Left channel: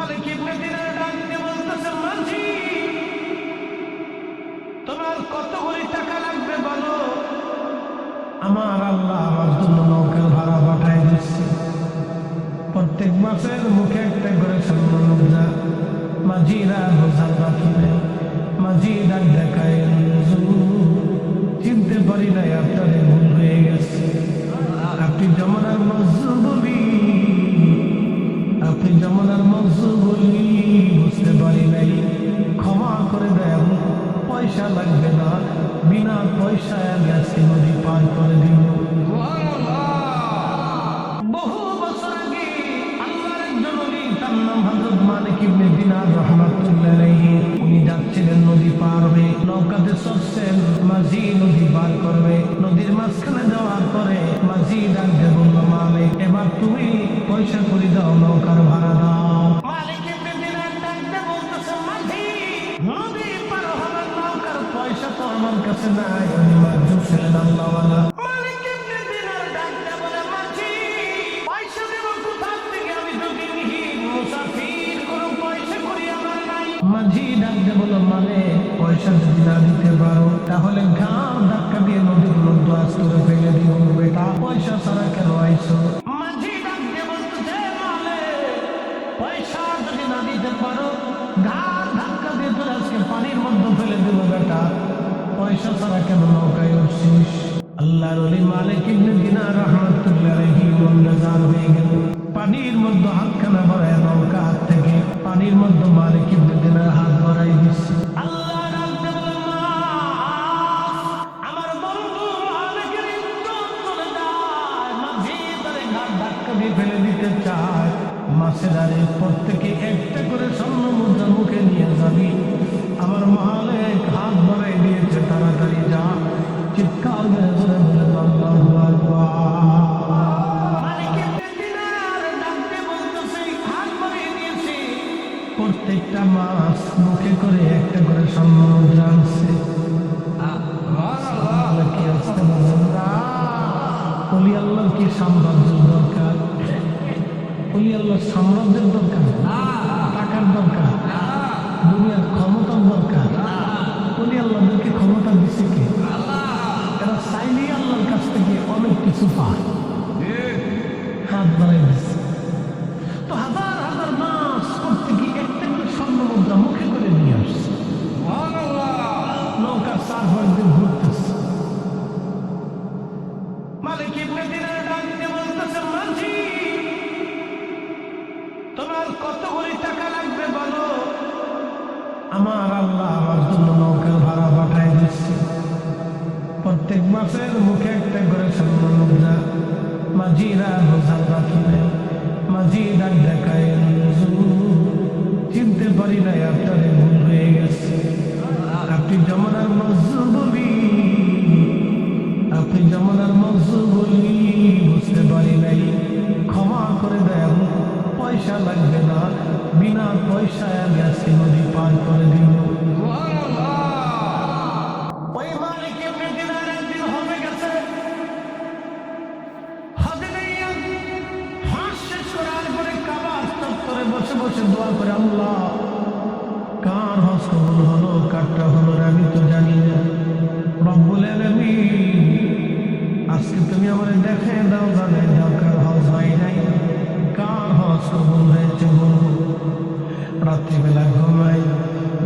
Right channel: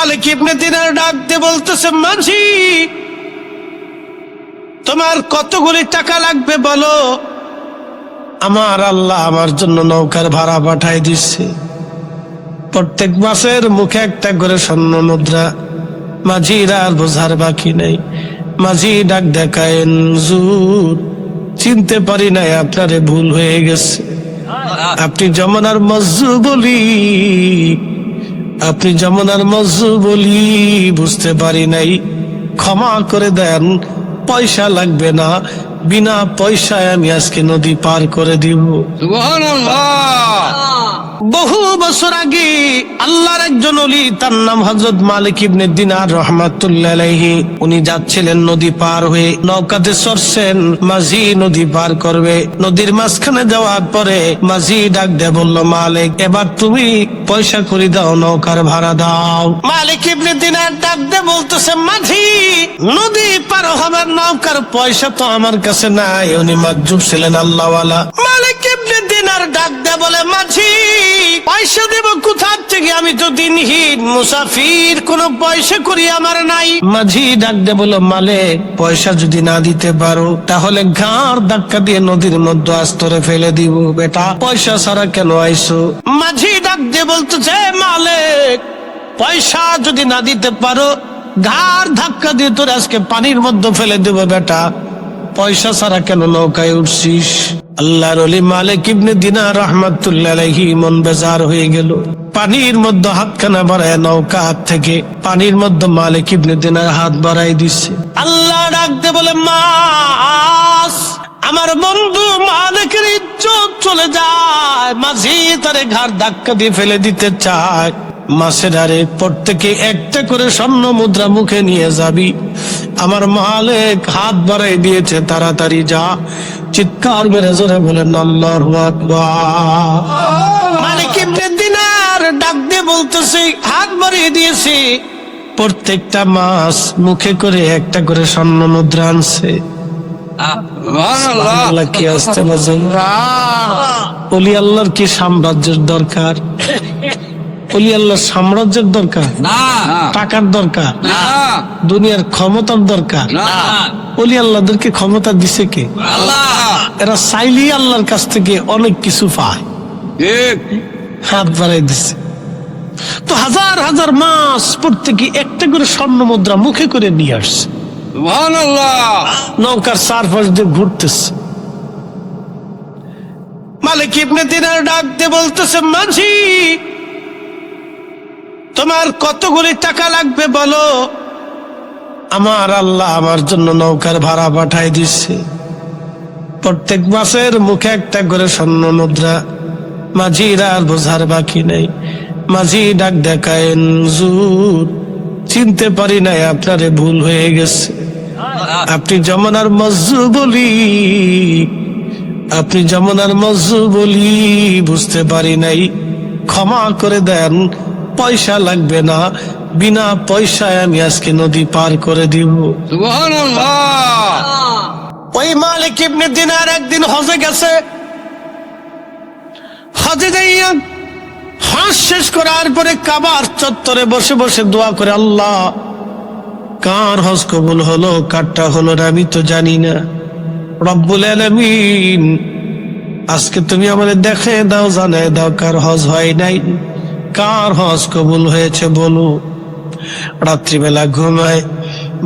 মালিক ইবনে দিনার ডাক দিয়ে বলতেছে, মাঝি তোমার কতগুলি টাকা লাগবে বলো। আমার আল্লাহ আমার জন্য নৌকার ভাড়া পাঠাই দিচ্ছে, প্রত্যেক মাসের মুখে একটা করে স্বর্ণ মুদ্রা। মাঝির আর বোঝার বাকি নেই। মাঝি ডাক দেখায়েন, হুজুর চিনতে পারি নাই, আপনারে ভুল হয়ে গেছে। আপনি যমুনার মজ্জু বলি, আপনি যমুনার মজ্জু বলি বুঝতে পারি নাই, ক্ষমা করে দেন। পয়সা লাগবে না, বিনা পয়সায় আমি আজকে নদী পার করে দিব। সুবহানাল্লাহ। বহু বছর আগে আল্লাহর একজন ওলি, তার নাম হযরত মালিক ইবনে দিনার রাহমাতুল্লাহ আলাইহি। উনি যাচ্ছিলেন নদী পার হয়ে, নৌকাতে চড়ছেন, মাঝি নদী পার করবে। নদীর মাঝখানে যাওয়ার পরে মাঝি ডাক দিয়ে বলল, মালিক এবার তুমি পয়সা করে দাও, নৌকার ভাড়া দাও। মালিক ইবনে দিনার ডাক দিয়ে বলতেছে, মাঝি নদী পার হবার নৌকার পয়সা তো আমার কাছে নাই। উনি মাজ্জুব ছিলেন, আল্লাহওয়ালা। মালিক ইবনে দিনার ডাক দিয়ে বলে, মাঝি পয়সা দেব কোথা থেকে, আমি তো দিনহীন মুসাফির, কোনো পয়সা করি আমার নাই। মাঝি ডাক দিয়ে বলল, মালিক পয়সা যদি না দিতে পারো তাহলে ঘাড় ধাক্কা দিয়ে নদীর মধ্যে আস্তরে ফেলে দিব। বেটা পয়সা ছাড়া কেন আইসো? মাঝি ডাক দিয়ে বলতেছে, মালিক পয়সা যদি না দিতে পারো ঘাড় ধাক্কা দিয়ে তোর আজকে পানির মধ্যে ফেলে দেব। বেটা পয়সা ছাড়া কেন নৌকায় উঠছিস? আল্লাহর ওলি মালিক ইবনে দিনার রাহমাতুল্লাহ আলাইহি মন বেজার হয়ে গেল। পানির মধ্যে হাতখানা বাড়ায়, নৌকা হাত থেকে পানির মধ্যে মালিক ইবনে দিনার হাত বাড়াই দিচ্ছে। আল্লাহ ডাকতে বলে, মাস আমার বন্ধু মালিকের ইজ্জত চলে যায়। মাঝি তারে ঘাড় ধাক্কা দিয়ে ফেলে দিতে চায়। মাসের আরে প্রত্যেকে একটা করে স্বর্ণ মুদ্রা মুখে নিয়ে যাবি। আমার মালিক হাত বাড়াই দিয়েছে, তাড়াতাড়ি যা। চিৎকার মেরে জোরে বলেন আল্লাহু আকবার। মালিক ইবনে দিনার ডাক দিয়ে বলতেছে, হাত বাড়িয়ে দিয়েছে, প্রত্যেকটা মাস মুখে করে একটা করে স্বর্ণ মুদ্রা আনছে। সুবহানাল্লাহ। কি আসতে বাজেন? ওলি আল্লাহর কি সাম্রাজ্যের দরকার? ওলি আল্লাহর সাম্রাজ্যের দরকার না, টাকার দরকার না, দুনিয়ার ক্ষমতার দরকার। না। ওলি আল্লাহদেরকে ক্ষমতা দিছে কে? আল্লাহ। এরা চাইলেই আল্লাহর কাছ থেকে অনেক কিছু পায়। ঠিক। হাত বাড়াই দিছে তো হাজার হাজার মাস প্রত্যেকে একটা করে স্বর্ণ মুদ্রা মুখে করে নিয়ে আসছে। সুবহানাল্লাহ। নৌকার চারপাশ দিয়ে ঘুরতেছে। মালিক ইবনে দিনার ডাক দিয়ে বলতেছে, মাঝি তোমার কতগুলি টাকা লাগবে বলো। আমার আল্লাহ আমার জন্য নৌকার ভাড়া পাঠাই দিচ্ছে, প্রত্যেক মাসের মুখে একটা করে স্বর্ণ মুদ্রা। মাঝির আর বোঝার বাকি নেই। মাঝি ডাক দেখায়েন, হুজুর চিনতে পারি নাই, আপনারে ভুল হয়ে গেছে। আপনি যমুনার মজ্জু বলি, আপনি যমুনার মজ্জু বলি বুঝতে পারি নাই, ক্ষমা করে দেন। পয়সা লাগবে না, বিনা পয়সায় আমি আজকে নদী পার করে দিব। সুবহানাল্লাহ। ওই মালিক ইবনে দিনার একদিন হজে গেছে। হজে যাইয়া হজ শেষ করার পরে কাবার চত্বরে বসে বসে দোয়া করে, আল্লাহ কার হজ কবুল হলো কারটা হলো না আমি তো জানি না। রব্বুল আলামিন আজকে তুমি আমাদের দেখে দাও, জানায় দাও কার হজ হয় নাই, কার হজ কবুল হয়েছে বলো। রাত্রিবেলা ঘুমায়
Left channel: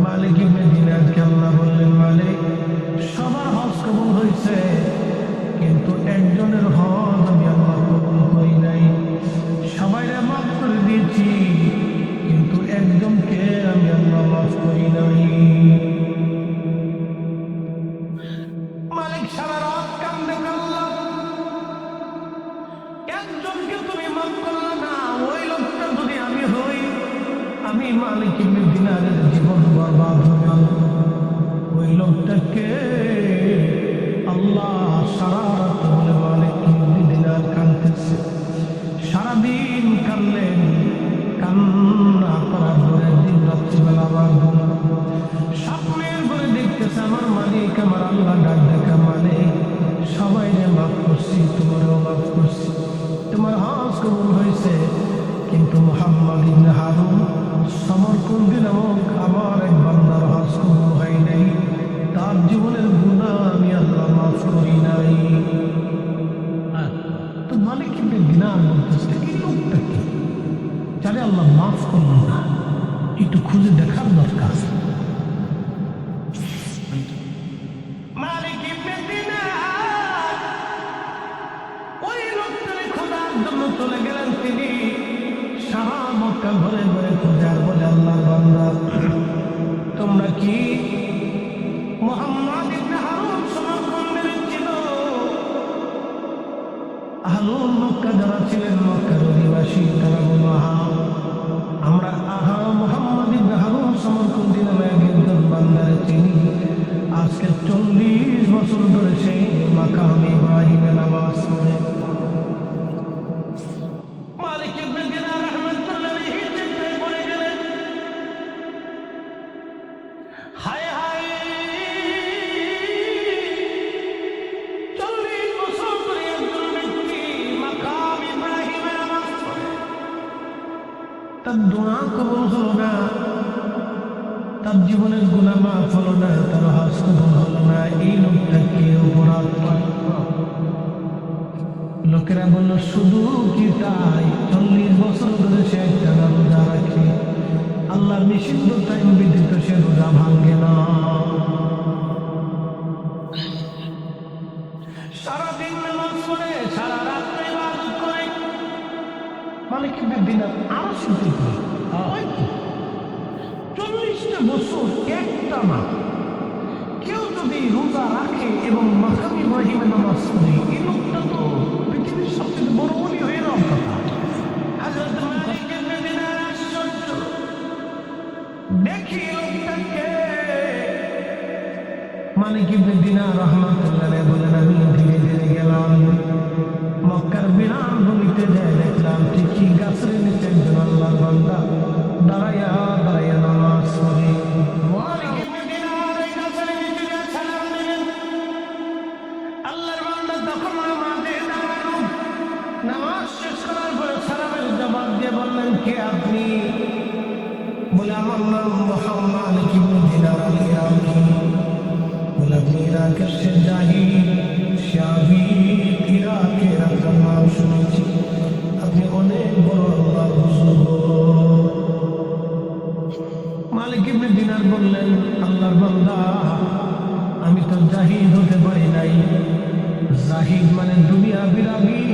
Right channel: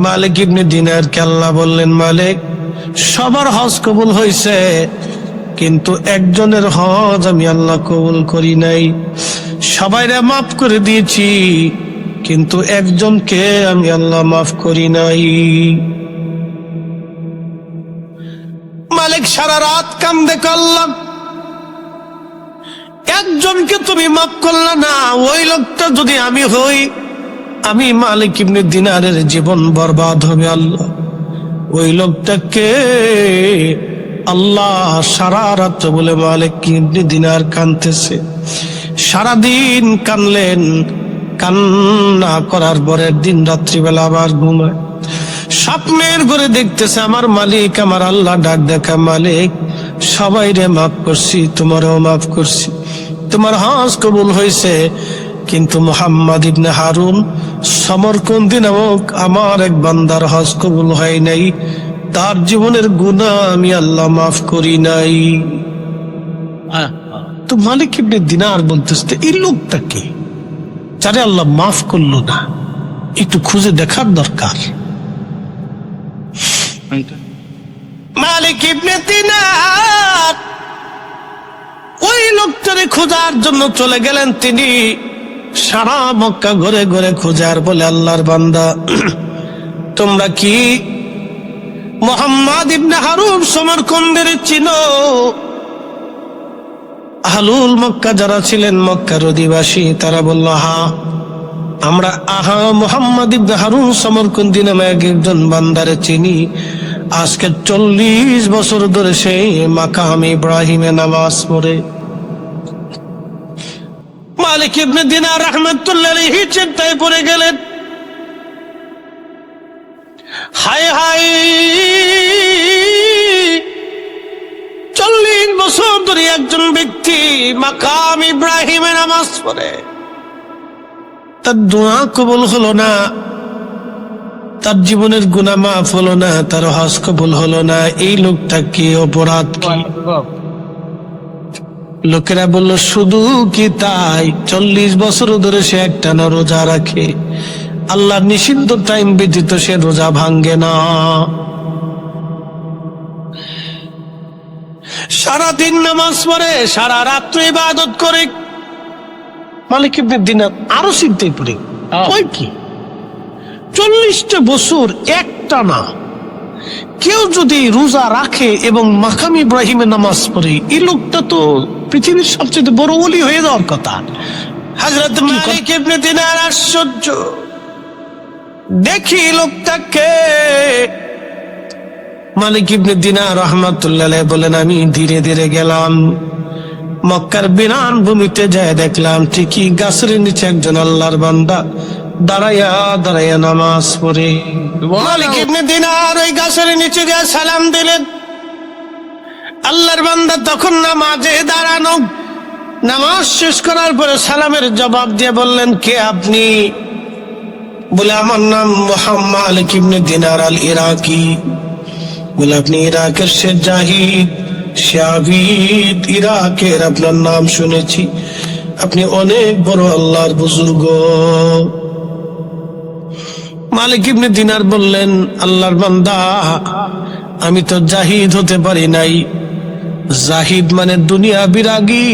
মালিক ইবনে দিনারকে আল্লাহ বললেন, মালিক সবার হজ কবুল হয়েছে, কিন্তু একজনের হজ আমি আল্লাহ কবুল করি নাই। সবাইরে মাফ করে দিয়েছি, কিন্তু একজনকে আমি আল্লাহ মাফ করি নাই। মালিক সারা রাত কান্দে, আল্লাহ একজনকে তুমি মাফ করলে না, ওই লোকটা যদি আমি হই, আমি মালিক ইবনে দিনারের জীবন বরবাদ হবে। আল্লাহ ওই লোকটাকে আল্লাহ সারা রাত বলে মালিক ইবনে দিনার কাঁদতেছে। সারাদিন কানলেন, কান্না করার পরের দিন রাত্রিবেলা আবার ঘুমায়। স্বপ্নের ঘরে দেখতেছে আমার মালিক, আমার আল্লাহ ডাক দেখা, মালিক সবাই রে মাফ করছি, তোমারও মাফ করছি, তোমার হজ কবুল হয়েছে, কিন্তু মুহাম্মদ ইবনে হারুন সমরকন্দি নামক আমার এক বান্দার হজ কবুল হয় নাই, তার জীবনের গুনাহ আমি আল্লাহ মাফ করি নাই। তো মালিক ইবনে দিনার বলতেছে এই লোকটা কে, যারে আল্লাহ মাফ করলো না? একটু খুঁজে দেখার দরকার। মালিক ইবনে দিনার ওই লোকটারে খোঁজার জন্য চলে গেলেন। তিনি সারা মক্কা ঘুরে ঘুরে খোঁজার বলে, আল্লাহর বান্দা, তোমরা কি মুহাম্মদ ইবনে হারুন সমরকন্দের চিনো? আহলুল মক্কা যারা ছিলেন, মক্কার অধিবাসী, তারা বলল, হ্যাঁ আমরা মুহাম্মদ ইবনে হারুন সমরকন্দি নামে একজন বান্দারে চিনি। আজকে 40 বছর ধরে সেই মাকাম ইব্রাহিমে নামাজ পড়ে। মালিক ইবনে দিনার রাহমাতুল্লাহ আলাইহি চিন্তায় পড়ে গেলেন, হায় হায়, 40 বছর ধরে একজন ব্যক্তি মাকাম ইব্রাহিমে নামাজ পড়ে, তার দোয়া কবুল হলো না, তার জীবনের গুনাহ মাফ হলো না, তার হজ কবুল হলো না। এই লোকটা কি, অপরাধ কি? লোকেরা বলল, শুধু কি তাই, 40 বছর ধরে সে একটানা রোজা রাখে, আল্লাহর নিষিদ্ধ টাইম ব্যতীত সে রোজা ভাঙ্গে না, সারাদিন নামাজ পড়ে, সারা রাত্র ইবাদত করে। মালিক ইবনে দিনার আরো চিন্তায় পড়ে, ওই কি 40টা বছর একটানা কেউ যদি রোজা রাখে এবং মাকাম ইব্রাহিমে নামাজ পড়ে, এই লোকটা তো পৃথিবীর সবচেয়ে বড় ওলি হয়ে যাওয়ার কথা। হযরত মালিক ইবনে দিনার আশ্চর্য, দেখি লোকটাকে। মালিক ইবনে দিনার রাহমাতুল্লাহ আলাইহি বলেন, আমি ধীরে ধীরে গেলাম, মক্কার বিরান ভূমিতে যায় দেখলাম ঠিকই গাছের নিচে একজন আল্লাহর বান্দা দাঁড়াইয়া দাঁড়াইয়া নামাজ পড়ে। মালিক ইবনে দিনার ওই গাছের নিচে গিয়ে সালাম দিলেন। আল্লাহর বান্দা তখন নামাজে দাঁড়ানো, নামাজ শেষ করার পরে সালামের জবাব দিয়ে বললেন, কে আপনি? বলে, আমার নাম মুহাম্মদ মালিক ইবনে দিনার আল ইরাকি। বলে, আপনি ইরাকের সে জাহিদ, সে আবিদ, ইরাকের আপনার নাম শুনেছি, আপনি অনেক বড় আল্লাহর বুজুর্গ। মালিক ইবনে দিনার বললেন, আল্লাহর বান্দা, আমি তো জাহিদ হতে পারি নাই। জাহিদ মানে দুনিয়া বিরাগী,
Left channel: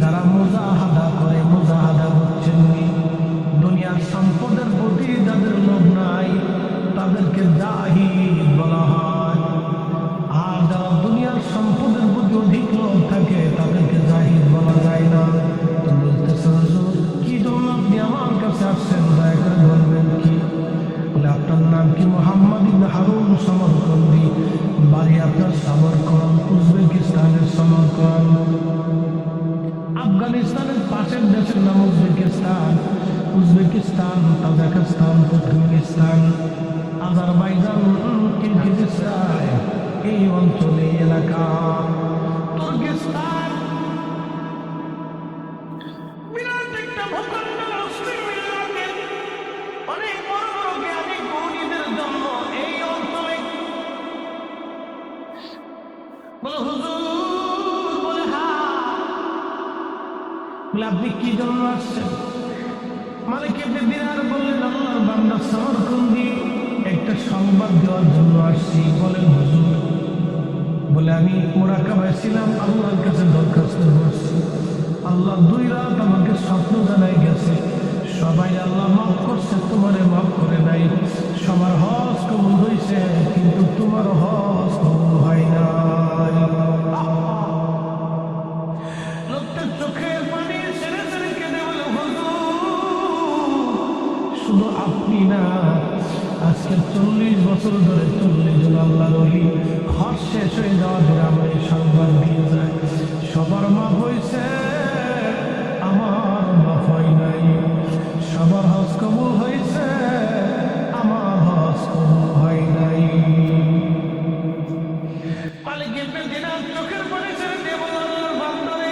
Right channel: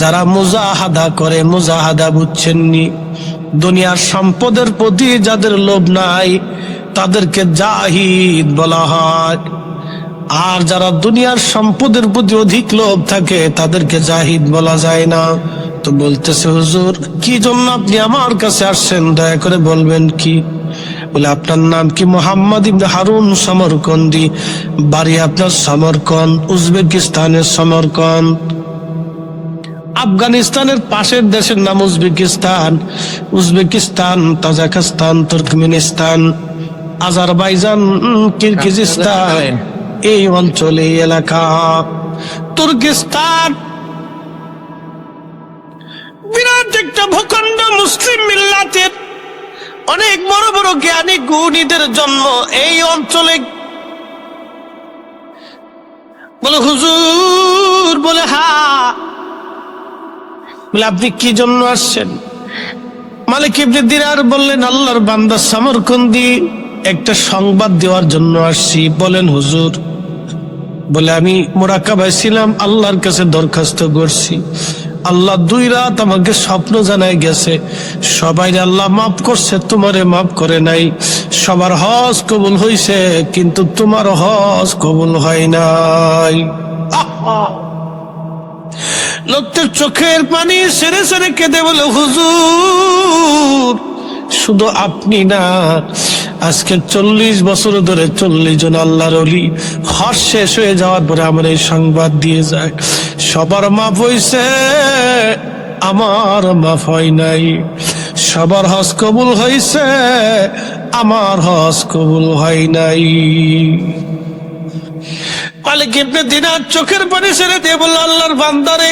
যারা মুজাহাদা করে, মুজাহাদা বুঝছেননি? দুনিয়ার সম্পদের প্রতি যাদের লোভ নাই তাদেরকে জাহিদ বলা হয়, আর যারা দুনিয়ার সম্পদের প্রতি অধিক লোভ থাকে তাদেরকে জাহিদ বলা যায় না। তো বলতেছে, হুজুর কি জন্য আপনি আমার কাছে আসছেন, দয়া করে বলবেন কি? বলে, আপনার নাম কি? মুহাম্মদ ইবনে হারুন সমরকন্দি, বাড়ি আপনার সমরকন্দ, উজবেকিস্তানের সমরকন্দ। আফগানিস্তানের পাশের দেশের নাম Uzbekistan, Uzbekistan, Tajikistan, Turkmenistan, Azerbaijan, Kyrgyzstan, এই অঞ্চলে এলাকা। তুর্কিস্তান বিরাট একটা ভূখণ্ড, মুসলিম মিল্লাতের অনেক বড় বড় জ্ঞানী গুণীদের জন্ম এই অঞ্চলে। বলে, হুজুর? বলে, হ্যাঁ। বলে, আপনি কি জন্য আসছেন? মালিক ইবনে দিনার বললেন, আল্লাহর বান্দা সমরকন্দি, একটা সংবাদ দেওয়ার জন্য আসছি। বলেন হুজুর। বলে, আমি মুরাকাবায় ছিলাম, আল্লাহর কাছে দরখাস্ত করছি, আল্লাহ 2 রাত আমাকে স্বপ্ন জানায় গেছে, সবাই আল্লাহ মাফ করছে, তোমারে মাফ করে নাই। সবার হজ কবুল হয়েছে, কিন্তু তোমার হজ কবুল হয় নাই। লোকটার চোখের পানি সেরে সেরে কেঁদে বলে, হুজুর শুধু আপনি না, আজকে 40 বছর ধরে 40 জন আল্লাহর ওলি হজ শেষ হয়ে যাওয়ার পরে আমার এই সংবাদ দিয়ে যায়, সবার মাফ হয়েছে, আমার মাফ হয় নাই। সবার হজ কবুল হয়েছে, আমার হজ কবুল হয় নাই। মালিক ইবনে দিনার চোখের পানি ছেড়ে দিয়ে বলল, আল্লাহর বান্দারে,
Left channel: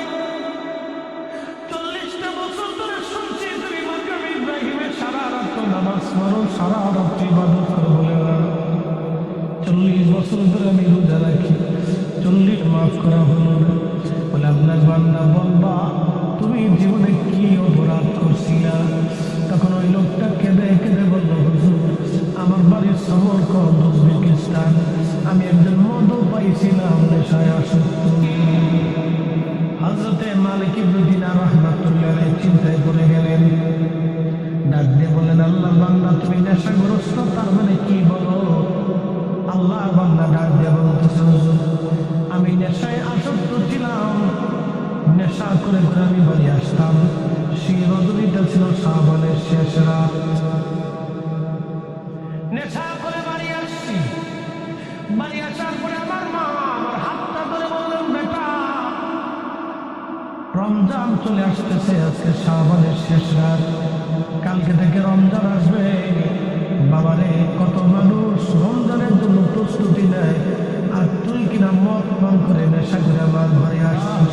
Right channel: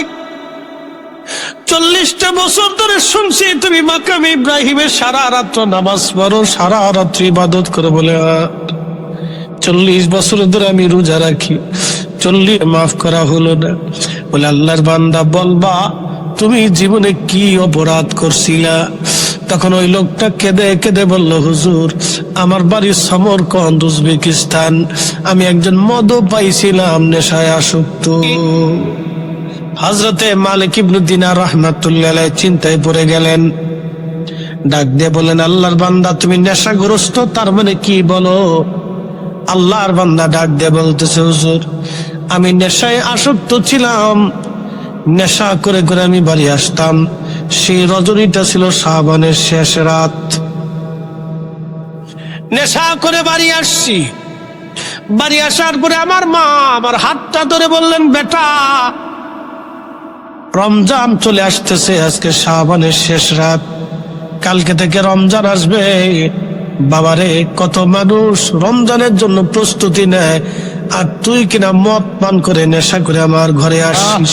40টা বছর ধরে শুনছি তুমি মাকাম ইব্রাহিমের সারা রাত্র নামাজ পড়ো, সারা রাত্রি ইবাদত করো। বলে 40 বছর ধরে আমি রোজা রাখি, 40 মাফ করা হলো না। বলে আল্লাহর বান্দা বলবা তুমি জীবনে কি অপরাধ করছিলা? তখন ওই লোকটা কেঁদে কেঁদে বলল, হুজুর আমার বাড়ি সমরকন্দ উজবেকিস্তান, আমি একজন মদ পাইছিলাম, নেশায় আসক্ত। হযরতে মালিক ইবনে দিনার রাহমাতুল্লাহ আলাইহি চিন্তায় পড়ে গেলেন। ডাক দিয়ে বলেন, আল্লাহর বান্দা তুমি নেশাগ্রস্ত, তার মানে কি বলো? আল্লাহর বান্দা ডাক দিয়ে বলতেছে, হুজুর আমি নেশায় আসক্ত ছিলাম, নেশা করে করে আমি বাড়ি আসতাম। সেই রজনীটা ছিল শাবানের শেষ রাত। নেশা করে বাড়ি আসছি, বাড়ি আসার পরে আমার মা আমার হাতটা ধরে বললেন, বেটা রমজান চলে আসতেছে, আজকে শাবানের শেষ রাত, কালকে থেকে রমজান আসবে। বাবারে কত মানুষ রমজানের জন্য প্রস্তুতি নেয়, আর তুই কিনা মদ পান করে নেশা করে আমার ঘরে আসিস।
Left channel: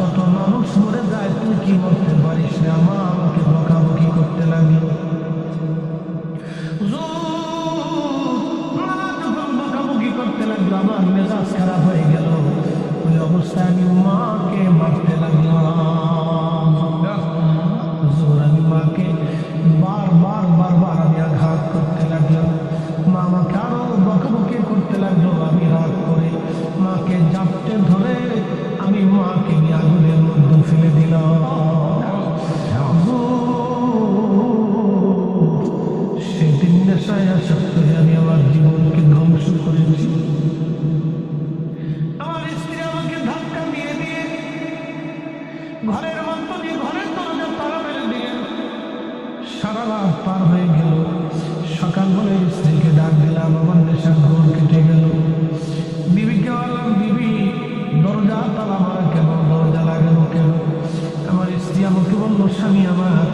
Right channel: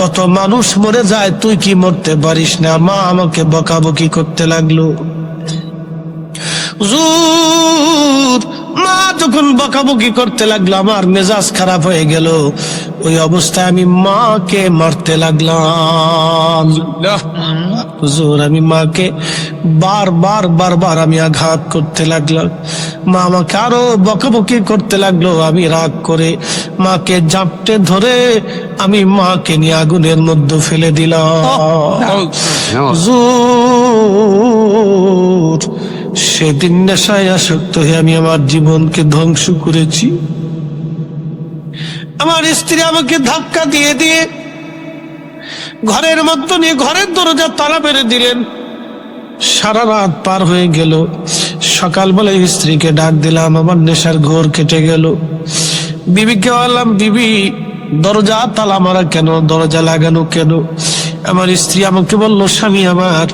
কত মানুষ মরে যায়, তুই কি মরতে পারিস না? মা আমাকে বকাবকি করতে লাগলো। হুজুর মা যখন বকাবকি করতে লাগলো, আমার মেজাজ খারাপ হয়ে গেল। ওই অবস্থায় আমি মাকে মারতে লাগলাম। হুজুর আমি মাকে বারবার আমি আঘাত করতে লাগলাম। মা আমাকে আরো বকাবকি করতে লাগলো। আমি রাগ করে মাকে জাপটে ধরে আমি মাকে নিয়ে আগুনের মধ্যে ফেলে দিলাম। হুজুর সেদিন নেশায় আসক্ত হয়ে আমি আমার জীবনকে ধ্বংস করেছি। আমার স্ত্রী আমাকে ধাক্কা দিয়ে দিয়ে ঘরের মধ্যে নিয়ে ঘরের দরজা তালা মেরে দিলেন। সারা রাত পার হয়ে গেল। সকালবেলা স্ত্রীকে ডাক দিলাম, আমার নেশার ঘোর কেটে গেল। বিবিকে বললাম, বিবি দরজা তালা মারা কেন, দরজা লাগানো কেন? আমার স্ত্রী আমাকে বলল, স্বামী আমার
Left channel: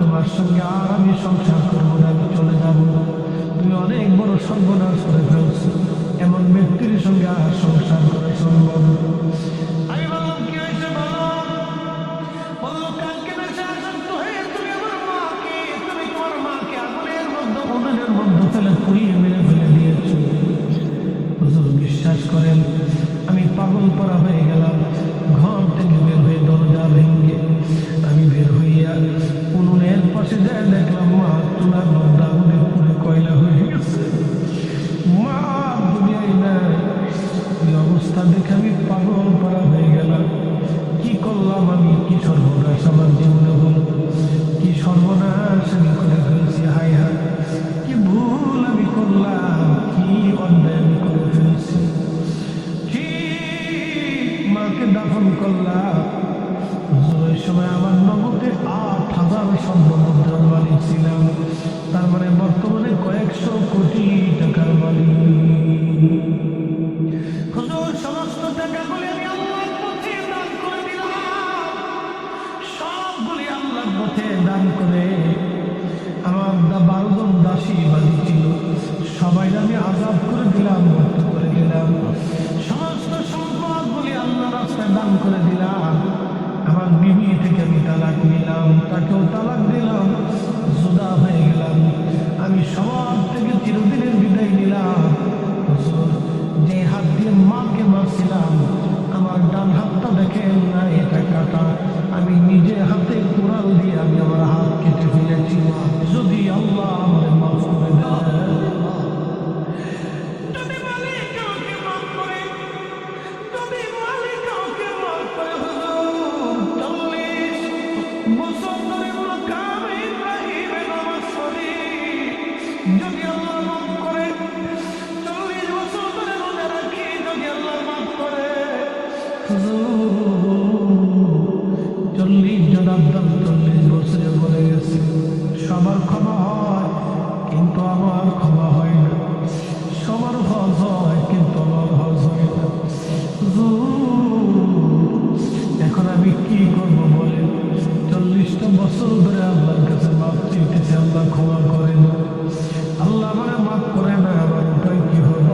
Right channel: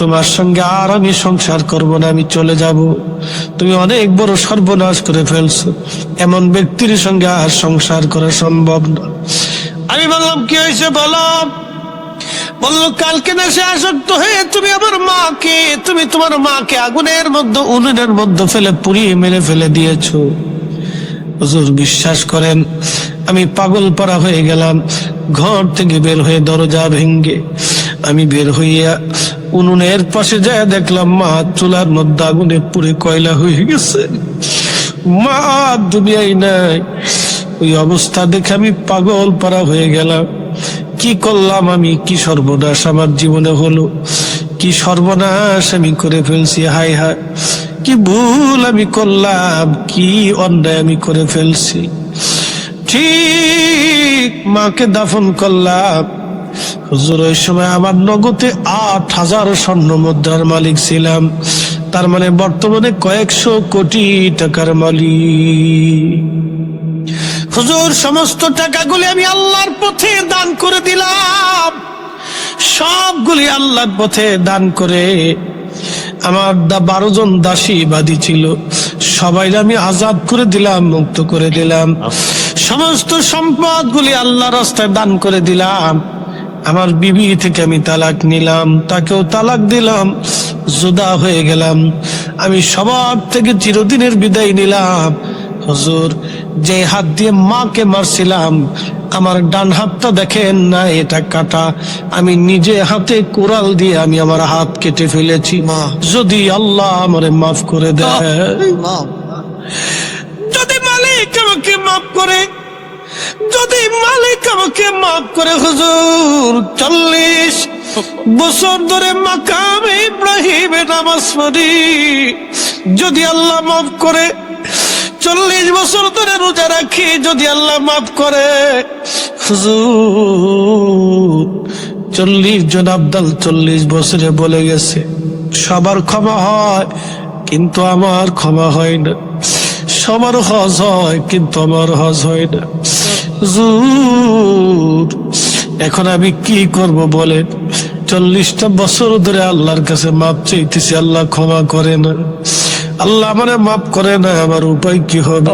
তোমার সঙ্গে আর আমি সংসার করব না, আমি চলে যাব। তুমি অনেক বড় সর্বনাশ করে ফেলছো, এমন ব্যক্তির সঙ্গে আর সংসার করা সম্ভব না। আমি বললাম, কি হয়েছে বলো? বললো, কালকে নেশে আসক্ত হয়ে তুমি আমার মাকে, তুমি তোমার মাকে আগুনের মধ্যে উনুনের মধ্যে ফেলে পুড়িয়ে মেরে ফেলে দিয়েছো। হুজুর বিশ্বাস করেন আমি পাগল পাড়া হয়ে গেলাম। ঘর থেকে বের হয়ে দরজা ভেঙ্গে আমি বের হইয়া উনুনের পাশে যায় দেখলাম মা চুলার মধ্যে আগুনে পুড়ে কয়লা হয়ে গেছে। মা দুনিয়ায় নাই। ওই অবস্থা দেখে আমি পাগল পাড়া হয়ে গেলাম। কি করলাম আমি? কি সর্বনাশ আমার জীবনে হলো, কি সর্বনাশ আমি করে ফেলছি। হায় হায় কি ভুল আমি করলাম, কি অন্যায় আমি করে ফেলছি। ঠিক মাকে দাফন করলাম। হুজুর ওই সময় আমার নগদে 8,000 স্বর্ণ মুদ্রার মালিক ছিলাম। তার মানে বর্তমানে কয়েকশো কোটি টাকার মালিক। হুজুর সমস্ত টাকাগুলি আমি আল্লাহর পথে দান করে দিলাম। সবগুলি আল্লাহর পথে দান করে আমার 12 জন দাসী বাদী ছিল, সবাই আমি আজাদ করে দিলাম, মুক্ত করে দিলাম। সমস্ত সম্পদগুলি আল্লাহর রাস্তায় দান করে দিলাম। আমার বিবি থেকে আমি তালাক নিলাম, তাকেও তালাক দিলাম, জুদা হয়ে গেলাম। আমি সবার থেকে চিরদিনের বিদায় নিলাম। হুজুর যে হাত দিয়ে মাকে মারছিলাম, আমার ডান হাতটা দেখেন না, এটা কাটা। আমি নিজে হাতে কোরাল দিয়ে আমি আমার হাত কেটে ফেলেছি। যদি আল্লাহ আমারে মাফ করে দেয়, যদি মালিক আমাকে মাফ করে, যদি মালিক আমাকে মাফ করে, হুজুর 40 বছর ধরে মাকামে ইব্রাহিমে নামাজ পড়ি, যদি আল্লাহ মাফ করে। 40 বছর ধরে রোজা রাখি, যদি আল্লাহ মাফ করে। হুজুর 40 জন আব্দাল 40 বছরে বলে গেছে সবার ক্ষমা হয়, কিন্তু আমার ক্ষমা হয় না। সবার হজ হয়, কিন্তু আমার হজ হয় না। হুজুর এখন আমি কি করব বলেন? 40টা বছর ধরে আল্লাহর কাছে মাপ চাইতেছি, আল্লাহ ক্ষমা করে না। আল্লাহ আমারে মাফ করে না। আমার উপায় কি হবে?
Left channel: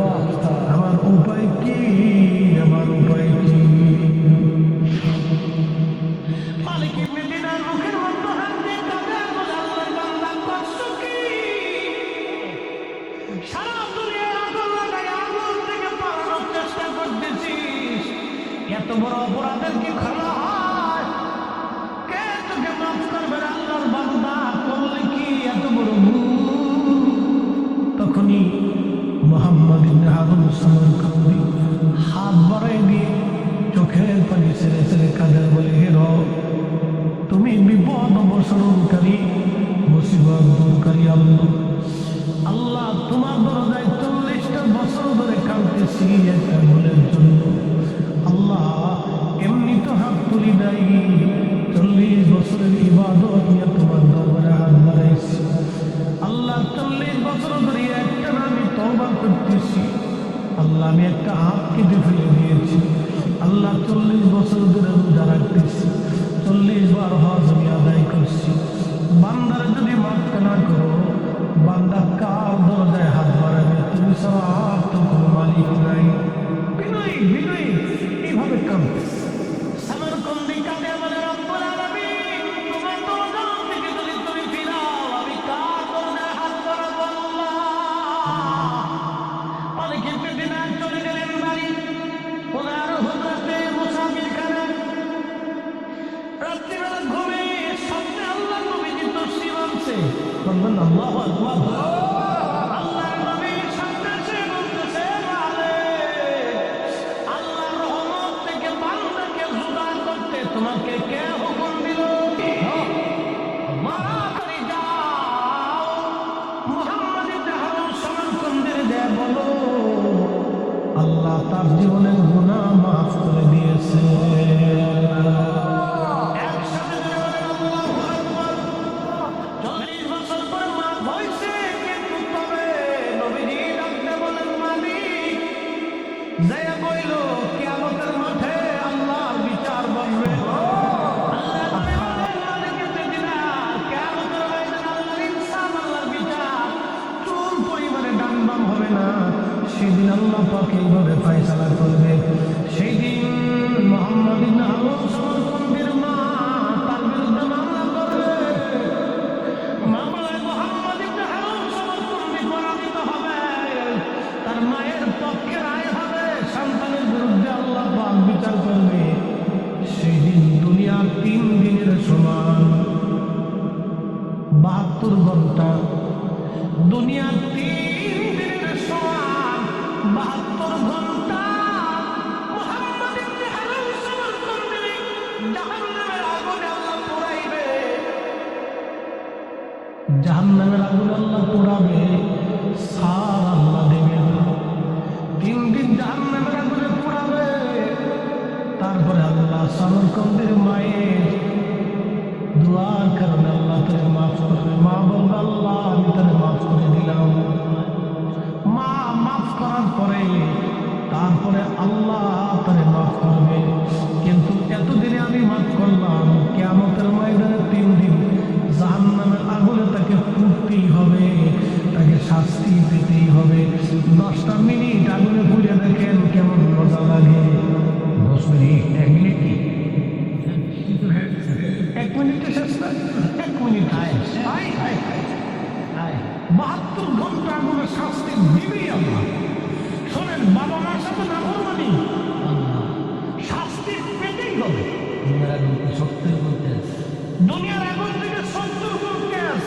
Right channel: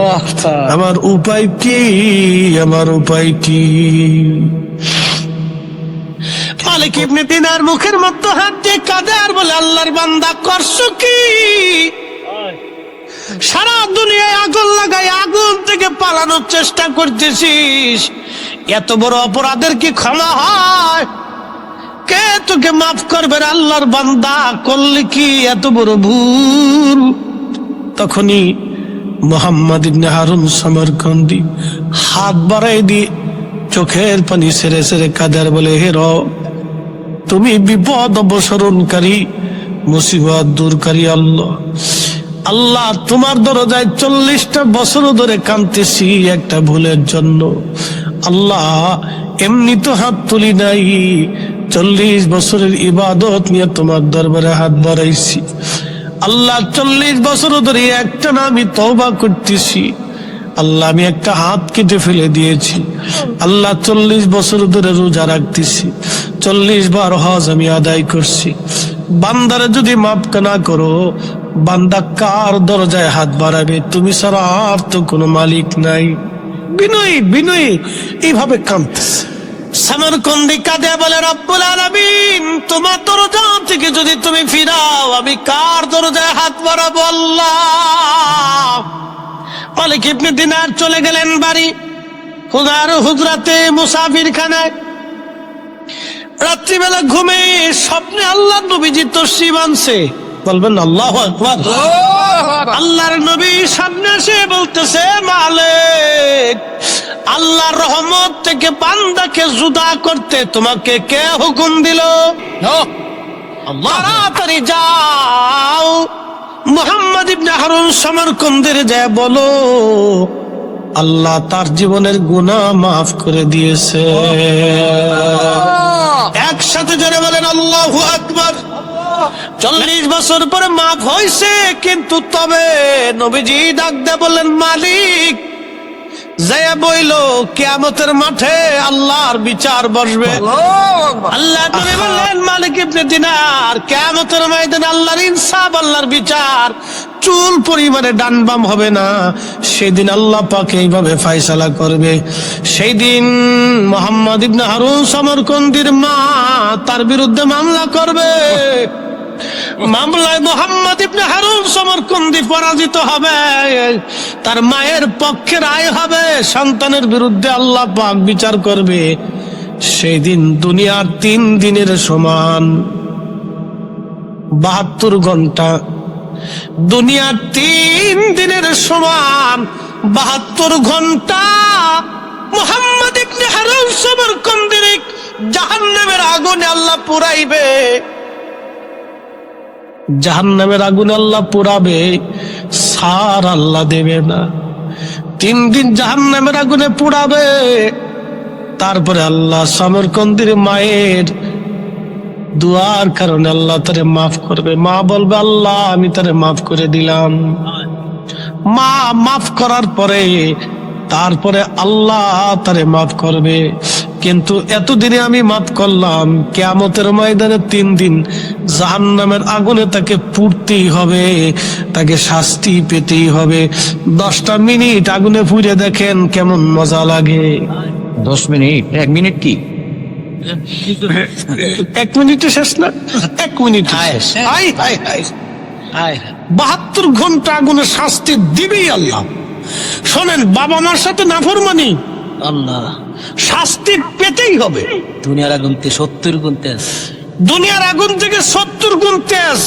আমার উপায় কি? আমার উপায় কি? মালিক ইবনে দিনার মুখের মধ্যে হাত দিয়ে কাঁদে আর বলে, আল্লাহর বান্দা করছো কি? সারা দুনিয়ায় আগুন লাগাই আগুন থেকে পালানোর চেষ্টা করতেছিস, এত বড় অপরাধের কি ক্ষমা হয়? কে তোকে মাফ করবে রে আল্লাহর বান্দা? করলে কি এত বড় ভুল? তখনই মুহাম্মদ ইবনে হারুন সমরকন্দি হাত বাড়াই দিয়ে চোখের পানি সেরে সেরে কাঁদার বলে, হে রব, তুমি বিপদ অবসরণকারী, মুসিবত দূরকারী আল্লাহ। আল্লাহ, তোমার দরজায় 40টা বছর ধরে কাঁদতেছি একটা ভুলের জন্য। আল্লাহ, এমনি তো হাত তুলি নাই, 40 বছরের ইবাদত নিয়ে তোমার দরবারে হাত বাড়াইছি। আল্লাহ, 40 বছর ধরে একটা না আমি তওবা করতেছি। আল্লাহ, আমি একটা হাত কেটে ফেলে দিয়েছি। আল্লাহ, 40 বছর ধরে রোজা রাখতেছি, 40 বার হজ আমি আদায় করছি। বান্দারে যদি মাফ না করো, বান্দা কার দরজায় হাত বাড়াবে? তুমি ছাড়া আর তো কোনো মালিক নাই। বিনয়ী বিনয়ী এইভাবে কাঁদতেছে। সমরকন্দি কাঁদে বলে, রব্বুল আলামিন, তোমার দরজা থেকে যদি তুমি ফিরাও, আমি কার দরজায় হাত বাড়াবো? আল্লাহ। মালিক ইবনে দিনার চলে গেলেন বাড়ি, খুদার হুজরাতে মুসাফির খানায়। রাত্রিবেলা ঘুমে স্বপ্নে আল্লাহ নবীজি তশরিফ আনছে। বলবেন আল্লাহু আকবার। আল্লাহর নবী সামনে এসে বলতেছে, মালিক, আল্লাহর রহমত থেকে বান্দাকে জুদা করতে তোমাকে কে হুকুম দিল? তাড়াতাড়ি যাও, মুহাম্মদ ইবনে হারুন সমরকন্দের যায় বলো, আল্লাহ তার জীবনের গুনাহ মাফ করে দিয়েছে। একসাথে জোরে বলেন আল্লাহু আকবার। 40 বছর পরে মাফ হয়েছে, কিন্তু তবে নবীজি ডাক দিয়ে বললেন, মালিক, যায়া বইল কিয়ামতের মাঠে আল্লাহর বিচার বসবে। আল্লাহ নবী বললেন, মালিক ইবনে দিনার, কিয়ামতের ময়দানে আল্লাহর ইনসাফ, আল্লাহর বিচার চুল পরিমাণে ডান বাম হবে না। সেদিন আল্লাহ পাক এইভাবে ফয়সালা করবে। সেই দিন মুহাম্মদ ইবনে হারুন সমরকন্দির মা তার বিরুদ্ধে মামলা করবে। মামলায় মুহাম্মদ ইবনে হারুন সমরকন্দি পরাজিত হবে, তার মায়ের পক্ষে রায় হবে, সন্তানের বিরুদ্ধে আল্লাহ পাক বিচার করবে। সেই দিন দুনিয়ার 3 দিনের সমান 72 ঘন্টা, দুনিয়ার 3 দিনের সমান 72 ঘন্টা মুহাম্মদ ইবনে হারুন সমরকন্দির জাহান্নামের আগুনে আল্লাহ পুরাইবে। জাহান্নামের আগুনে আল্লাহ পুরাবে, সার আল্লাহ দেবে না। 3 দিন জাহান্নামের আগুনে পুরাবে, তারপরে আল্লাহ সমরকন্দির মায়ের দুয়ার কারণে আল্লাহ তারে মাফ করবে। মা বলবে, আল্লাহ আমি তারে মাফ করে দিলাম। মা মাফ করার পরে তারপরে আল্লাহ তারে মাফ করবে। কিন্তু এতদিনে আমি মাফ করলাম, কিয়ামতের ময়দানে 3 দিন জাহান্নামের আগুনে তাকে পুড়তেই হবে, তাকে শাস্তি পেতেই হবে। 10টা মিনিট আগুনে পুড়ে দেখেন কেমন মজা লাগে। 10 মিনিট? 1 মিনিট কি? 1 মিনিটে শেষ না, 1 মিনিট শেষ। 72 ঘন্টা আগুনে শাস্তি দিবেই আল্লাহ। শোনেন, বাবা মার সাথে নাফরমানি, আল্লাহ শাস্তি পেতেই হবে। দুনিয়ার আগুন থেকে 70 গুণ তেজ। দুনিয়ার আগুন থেকে 70 গুণ তেজ।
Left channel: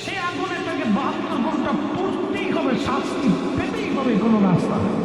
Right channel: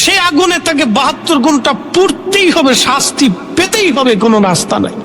সে আগুনে তাকে 72 ঘন্টা পুড়তেই হবে, শাস্তি পেতেই হবে, কোনো রাস্তা নাই।